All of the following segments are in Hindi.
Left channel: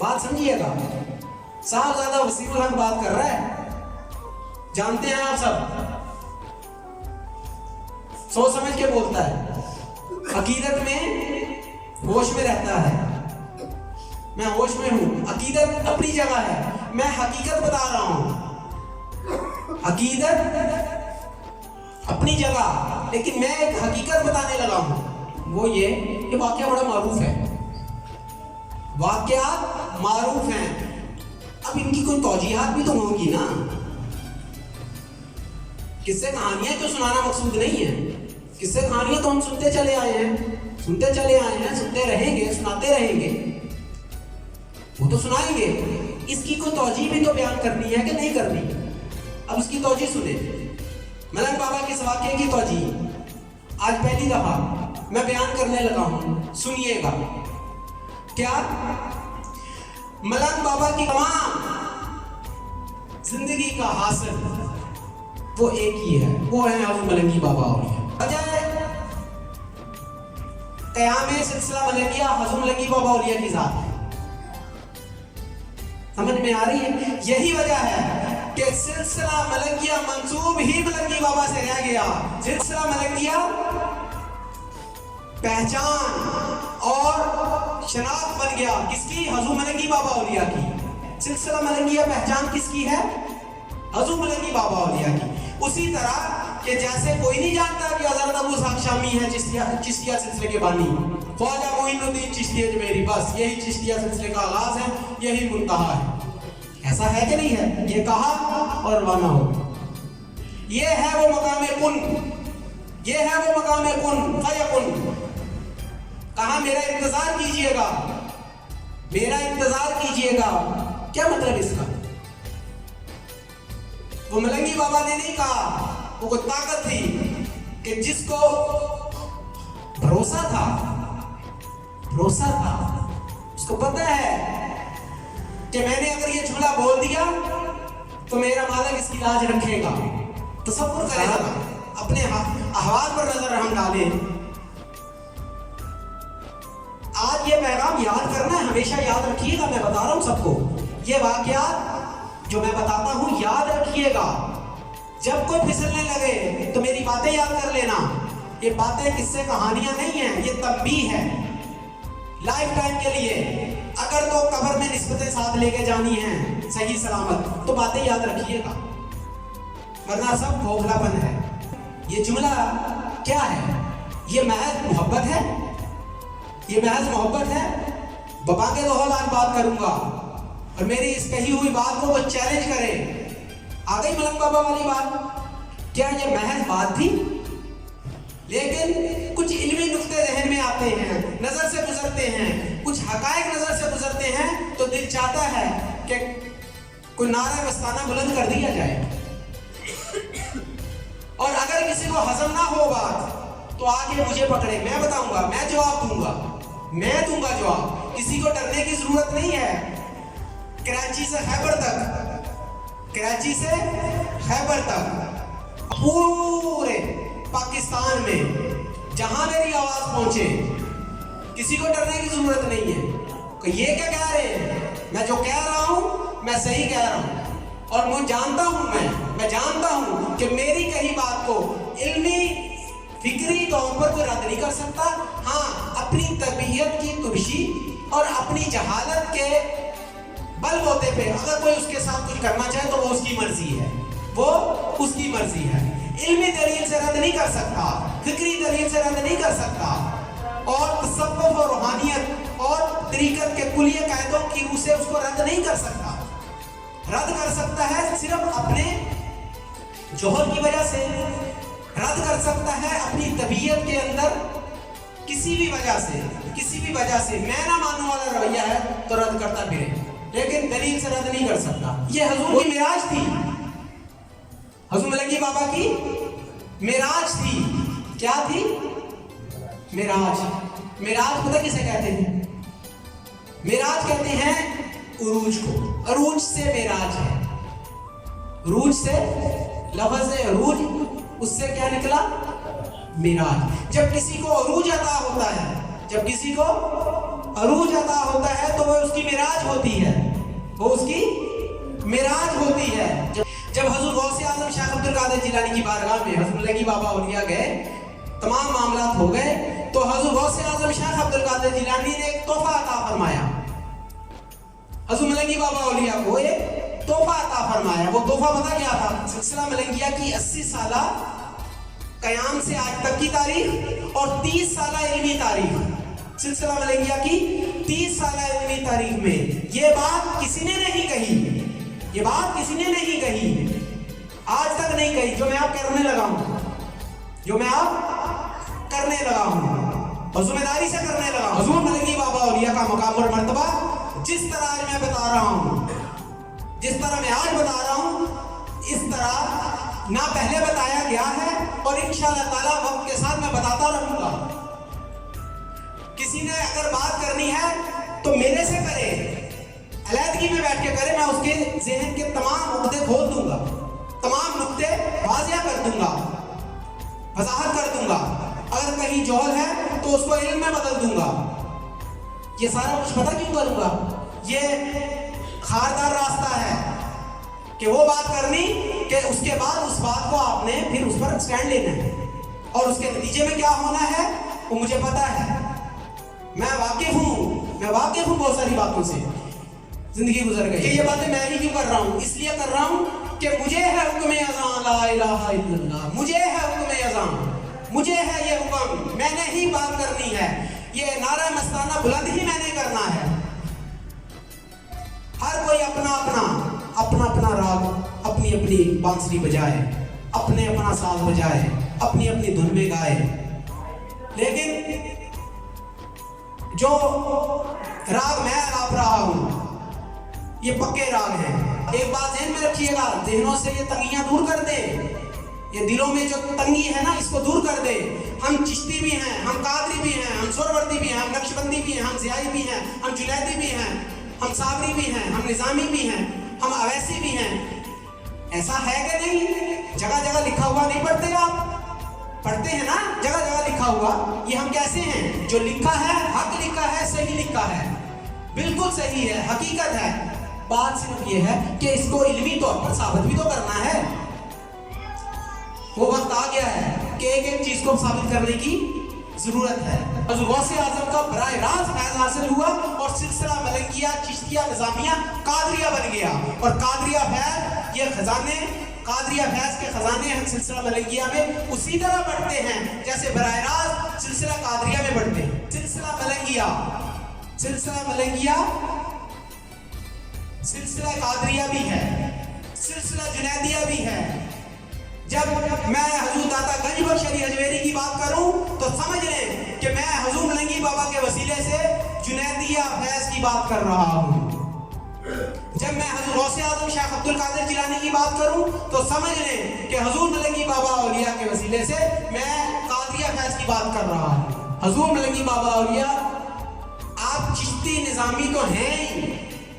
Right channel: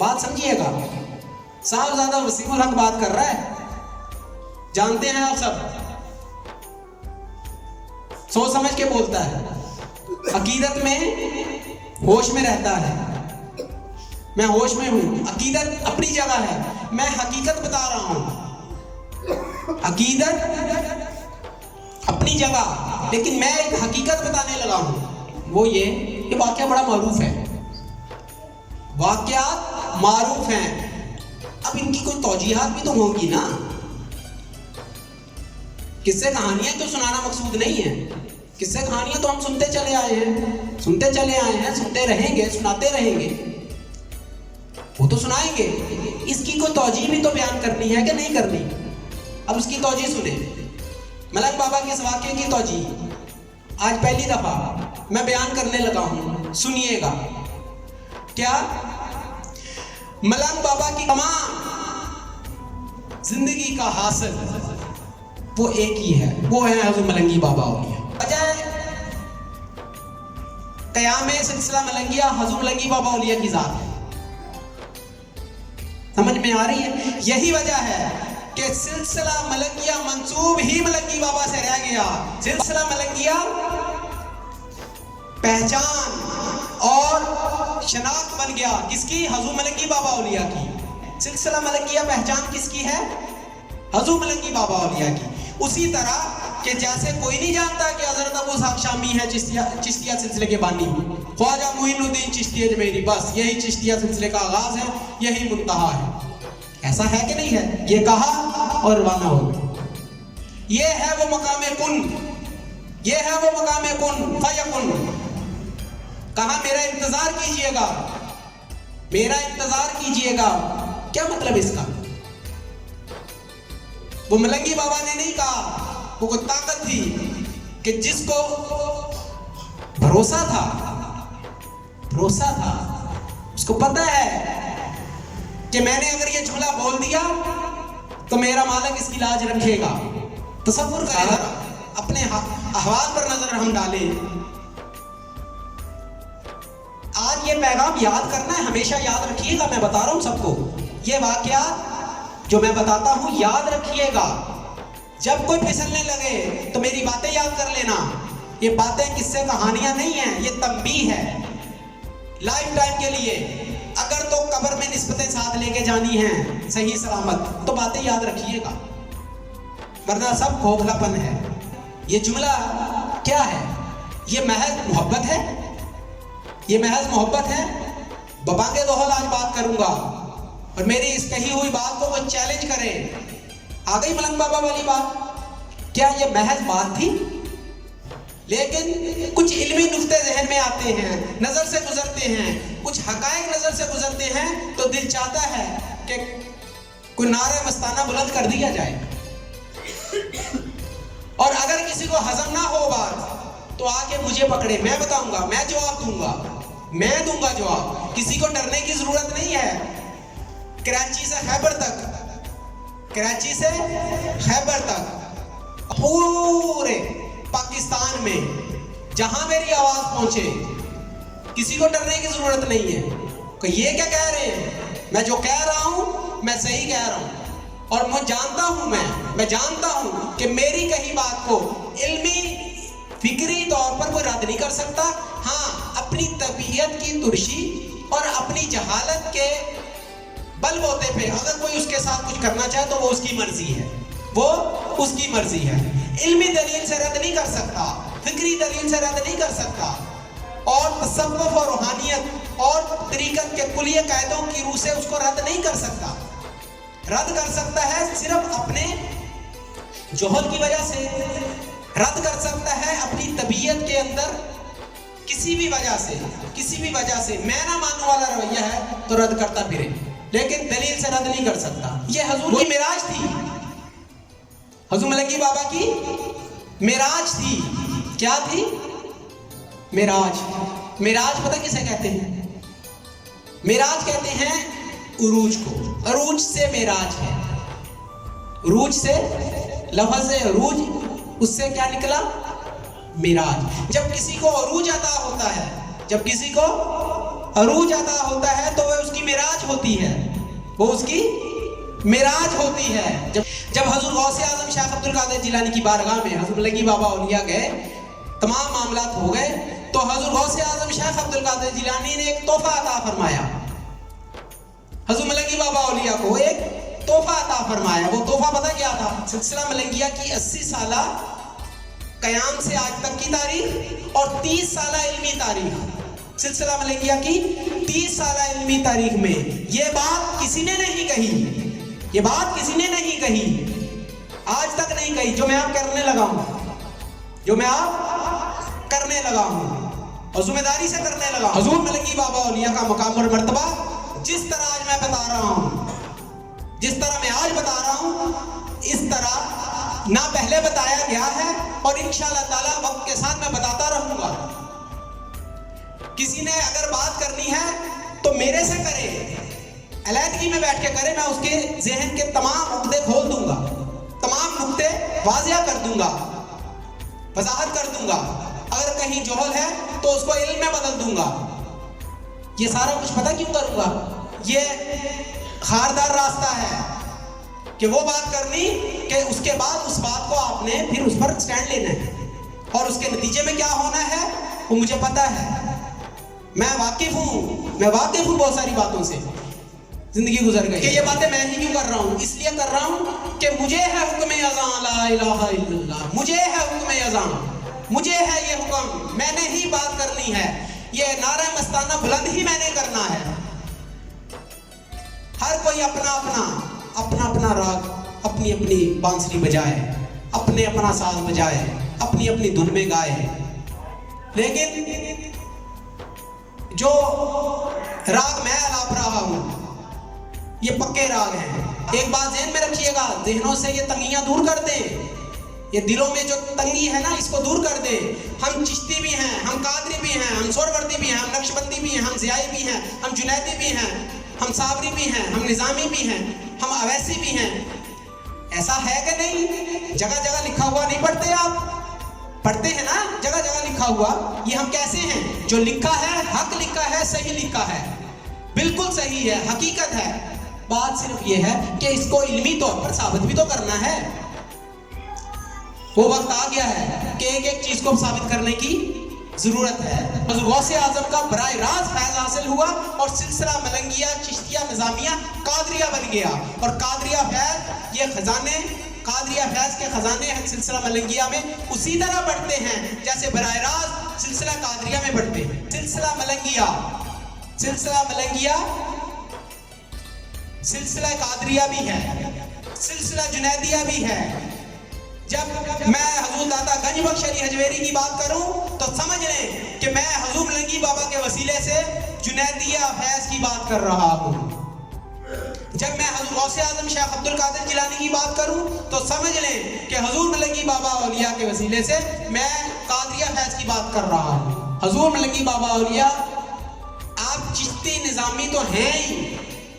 बात समझिएगा, साहबजादा वसीमुल हक बात कर रहा है, जानते हैं आप सब, सोच समझ के बोलता है, अकीदत में होश में रहता है, मैं होश में हूं, अकीदत अपनी जगह है, मैं हकीकत बता रहा हूं, अकीदत अपनी जगह, लेकिन मैं एक हकीकत बताने लगा हूं। वो ये वाक्या बड़ा मारूफ है, वाक्या मारूफ हैं। अब इनकी कोई तौजीहात भी तो होगी ना, किस्से कहानियां तो सुनाना मकसूद नहीं है, किस्से कहानियां तो हम सुनते चले आए हैं, सुनते चले आए हैं, सुनते रहेंगे, सुनाते रहेंगे, वो तो सुनाएंगे, इसकी कोई तौजीह भी तो बयान करनी है कि नहीं करनी। अब इसकी तौजीह सुने, मलंग बाबा के इस वाक्य की तौजीह आज पहली दफा मैं बयान करने लगा हूं, सुनिएगा। क्या मलंग बाबा की तमाम जिंदगी का हासिल वो एक ही है, वो है हज़रत मलंगी बाबा औलिया। वजह क़याम सिलसिला मलंगिया हज़रत मलंगी बाबा औलिया की जात है, समझ में आ रही है? यही वजह है कि सिलसिला मलंगिया मंसूब ही मलंगी बाबा से रह गया। सिलसिला मलंगिया पहचान और शनाख्त बन गया किसकी? हज़रत मलंगी बाबा औलिया की। सिलसिला मलंगिया पहचान किसकी है? हज़रत मलंगी बाबा औलिया की। उसी तरह कि जैसे कोई नहीं जानता कि हज़रत अबू साहब शामी है चिश्तिया सिलसिले के बानी, ख्वाजा मोइनुद्दीन चिश्ती अजमेरी, बस यही चिश्तिया सिलसिले का आगाज है, यही मुंतहा है। ऐसा है कि नहीं है? ये कहा और रवाना हो गए। ये है वो मकामे कुन, ये है वो मकामे कुन फयकुन। कहा मेरा इंतजार कीजिएगा, मेरा इंतजार कीजिएगा। क्या मतलब इसका? वो मलंगी बाबा ने नहीं कहा, वो ताकत थी कि जिसको भरोसा था, भरोसा था, उसको पता है कि मैंने अगर ये जुमला बोल दिया तो मेरा मालिक इसकी लाज रखेगा। तसव्वुर करें, अपने अहवाल पर नजर हम डालें। आज ये पैगाम याद करना है, हमेशा याद रखिएगा। मैं बता रहा हूं सबको, ये वाकयात जो मैं बताता हूं याद रखिएगा। जब कोई फिसलने लगे तो मेरी बातें याद कर लेना। ये बातें किस्से कहानियां नहीं है, ये तंबीह है लाइफ टाइम के लिए। अगर तो कब्र में निस्बतें साथ लेके जानी है सही सलामत, तो बातें याद रखिएगा, वरना सब खोखलापन है। ये जुमला क्या है? ये महज मोहब्बत है, ये महज मोहब्बत है। बबांगे दोहल आज बात करूंगा और मेरी इस कही हुई बात को कोई चैलेंज करे, आ गई मलंग बाबा वाली बात। क्या ये महज बात थी? लेकिन कुछ इल्मी नुक्ते जहन में आते हैं, नजर से गुजरते हैं, कुछ हकायक नजर से गुजरते हैं, तो दिल चाहता है कि कोई नारा मस्ताना बुलंद कर दिया जाए। और अगर किसी को हजम ना हो बात तो आके मुझे पकड़े, मैं बताऊंगा, मैं जवाब दूंगा, मैं दूंगा जवाब। किसी को डरने की जरूरत नहीं है। कराची से खैबर तक, कराची से खैबर तक, पूरे पाकिस्तान में जहां मेरी आवाज पहुंचे, किसी को डरने की जरूरत नहीं है कि ये क्या कह रहे हैं। मैं जो कह रहा हूं मैं सही कह रहा हूं, और मैं जानता हूं, मैं जानता हूं कि मेरी कही बात को इल्मी फिक्री तौर पर कोई रद्द नहीं कर सकता। हाँ, अपनी तबीयत की तुर्शी और अपनी जहालत के बलबूते पे अगर कोई उसके साथ कुछ करना चाहे तो वो उसकी मर्जी है, वो उसकी मर्जी है। इल्मी दलील से रद्द नहीं कर सकता, फिक्री दलील से रद्द नहीं कर सकता, और तसव्वुफ और रूहानियत और तरीकत के कुलिया कायदों की रूह से उसको रद्द नहीं कर सकता। रद्द कर सकता है सिर्फ अपने जोहल की वजह से, रद्द कर सकता है अपनी तबीयत के अंदर किसी भी वजह से, किसी भी वजह से मैं ना मानने वाला रवैया है तो रद्द करता फिरे, लेकिन दलील से रद्द नहीं कर सकता। ये हुजूर की मिराज थी, हज़रत मलंगी बाबा की मिराज थी। क्या थी? मिराज। मिराज पता किसे कहते हैं? मिराज कहते हैं उरूज को। अरूज से मिराज है, रूज से लफ्ज़ है रूज, उससे क्या निकला? मिराज। जब किसी को अरूज अता होता है, जब किसी को अरूज अता होता है तो वह उसकी मिराज होती है, वो उसकी मिराज होती है। जब हजूर गौसे आजम शेख अब्दुल कादिर जिलानी की बारगाह में हजूर लंगी बाबा औलिया गए, तमाम मामलात हो गए, तो हजूर गौसे आजम शेख अब्दुल कादिर जिलानी ने एक तोहफा अता फरमाया। हजूर मलंगी बाबा औलिया को एक तोहफा अता फरमाया। वो तोहफा पता क्या था? सिलसिला मलंगिया की 80 साला कयाम से आज तक की तारीख और 30 साला इल्मी तारीख। सिलसिला मलंगिया की 30 साला इल्मी तारीख में ये बात किसी ने नहीं कही, ये बात किसी ने नहीं कही, आज तक नहीं कही, जो मैं आप करने लगा हूं, जो मैं आप करने लगा हूं और जिम्मेदारी से करने लगा। हजूर मलंगी बाबा औलिया का मकाम और मर्तबा जिस तरह आज मैं बता रहा हूं, जिस तरह मैं आज बता रहा हूं, इस तरह ना पहले बताया गया है और इंशाअल्लाह ताला वक्त के साथ मैं बताता रहूंगा। किसी ने अगर बात करनी है तो मेरे से करे, अलहदगी में बैठ के करे, मैं उसके ज़हन के तमाम नुक्ते खोल दूंगा, तमाम नुक्ते वाज़िया कर दूंगा, वजाहत कर दूंगा। अगर कहीं जोहल है तो उसको इल्म में बदल दूंगा। ये सारा कुछ पता क्यों करूंगा? ये खारदार रास्ता है कि वो बात करनी कि उसके बाद उस बात को आपने फिर उस पर स्टैंड लेना है और उसके नतीजे में क्या होना है वो मुझे पता है। मैं वाकिफ हूँ बहुत सारी बातों से, जिंदगी गुजर गई। ये बातें मैं ही क्यों कर रहा हूँ? इसलिए कर रहा हूँ कि मुझे है हुक्म अज़ान, ला इलाहा इल्लल्लाह, मुझे है हुक्म अज़ान, मुझे है ये हुक्म, मैंने ही बात करनी है। ये नारा मस्ताना बुलंद ही मैंने करना है। हर कोई अपना अपना राग, अपनी अपनी बांसुरी बजाए, अपने अपना साज बजाए, अपनी अपनी धुन में गाए, लेकिन जो राग मैं अलाप रहा हूं ये पक्के राग हैं। एक बात ज़हन में रखिएगा, ज़हनों से ये तंगियां दूर कर दें, ये दिलों में जो तंगी है ना इसको दूर कर दें। हम चिश्ती भी हैं, हम कादरी भी हैं, हम सोरवर्दी भी हैं, हम नक्शबंदी भी हैं, हम ज़ियाई भी हैं, हम जुनैदी भी हैं, हम साबरी भी हैं, हम निज़ामी भी हैं, हम अवैसी भी हैं। ऐसा है कि नहीं? जगह जगह लिखा हुआ नहीं पढ़ते आप? पढ़ते हैं ना, जगह जगह लिखा हुआ। ये हम कैसे हैं? जो लिखा है हक लिखा है, सही लिखा है, बिल्कुल सही है, हकीकत है। बात सिर्फ ये है कि इसको इल्मी तौर पर साबित भी तो करना है। वो वक्त आ गया है कि एक एक चीज को साबित करने की जरूरत है। हज़रत गौसे आज़म का बराह रास्त फैज़ हासिल हुआ और सिलसिला मलंगिया, चिश्तिया, निज़ामिया, कादरिया बन गया। और कादरिया फैज़, ये खजाने, कादरिया फैज़ के खजाने सिलसिला मलंगिया में उसी तरह बढ़ते हैं जैसे बराह रास्त सिलसिला कादरिया में बढ़ते हैं। सिलसिला मलंगिया, सिलसिला मलंगिया, सिलसिला कादरिया भी है, सिलसिला जुनैदिया भी है। जब मैं हजूर दाता गंज बख्श अली हजवेरी की बात करूं तो समझ लें कि मैं हजूर मलंगी बाबा के वसीले से जुनैदिया फैज़ की बात कर रहा हूं। जब मैं हजूर गौसे आज़म शेख अब्दुल कादिर जिलानी की बात करूं तो समझ लें कि हजूर मलंगी बाबा औलिया के वसीले से मैं कादरिया फैज़ की बात कर रहा हूं। हजूर मलंगी बाबा औलिया आप चिश्ती निज़ामी तो हैं ही,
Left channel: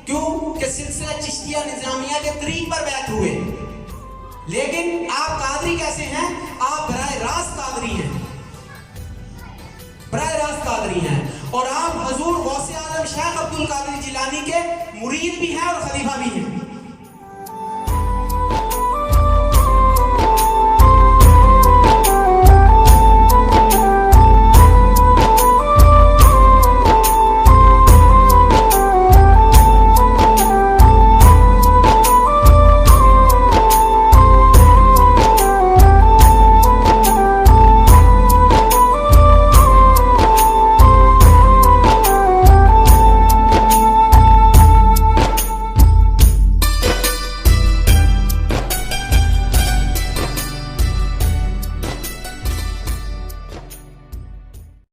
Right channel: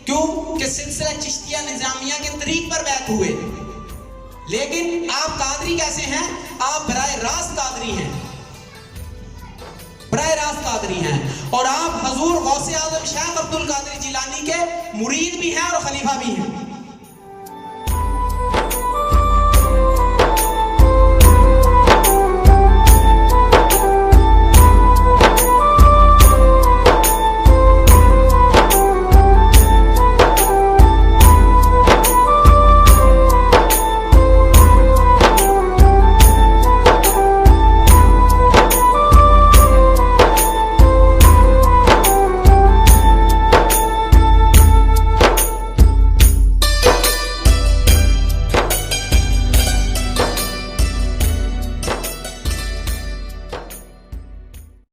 क्यों कि सिलसिला चिश्तिया निज़ामिया के तरीक पर बैत हुए, लेकिन आप कादरी कैसे हैं? आप बराह रास्त कादरी हैं, बराह रास्त कादरी हैं। और आप हजूर गौसे आज़म शेख अब्दुल कादिर जिलानी के मुरीद भी हैं और खलीफा भी हैं।